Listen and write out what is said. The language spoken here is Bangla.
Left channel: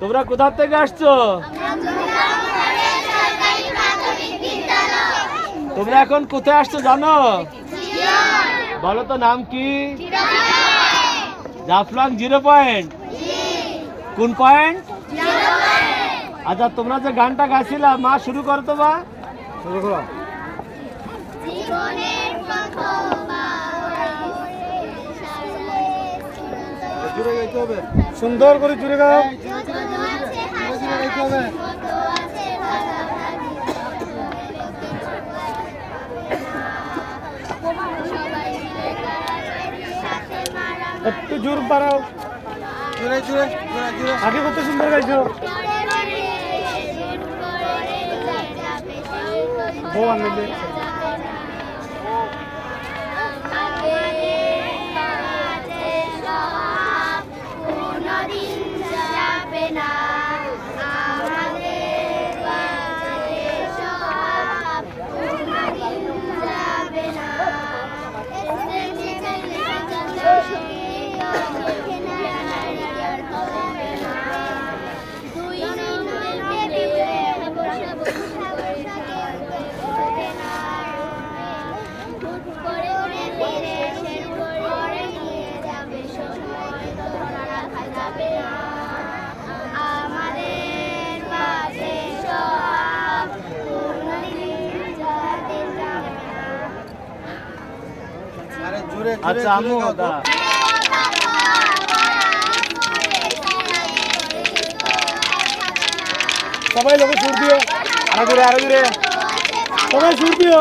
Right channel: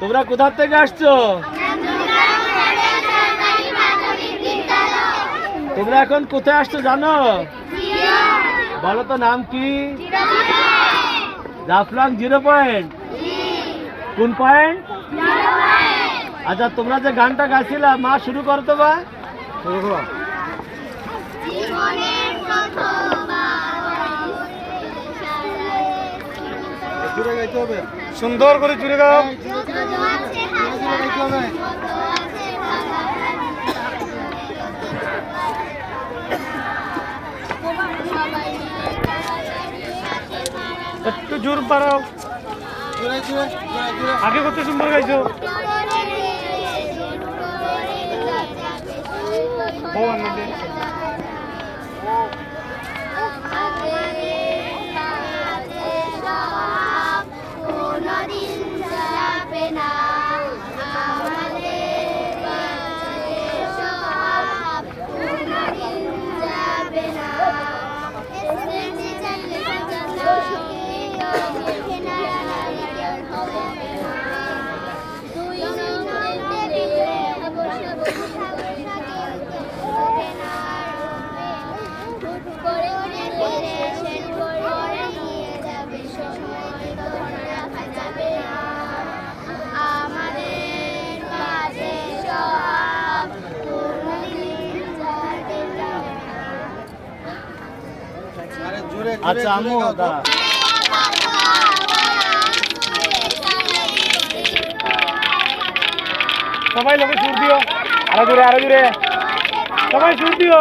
তোমরা কোথা থেকে আসছো? তোমরা এখন কোথায় আসছো জানো? বলো তো নাম কি? জাফলং 0 পয়েন্ট। কোন পয়েন্ট? আচ্ছা, তোমরা যে গানটা গাইছিলা, মা শুরু করো তো বা শুরু করো। সুন্দর করে জুড়ে গাও। একটু জোর পারাও, আগে কত সুন্দর গাইছো। সবাই লোকে সুর দিও, আরো জোরে আরো জোরে, সবাই সুর দিও।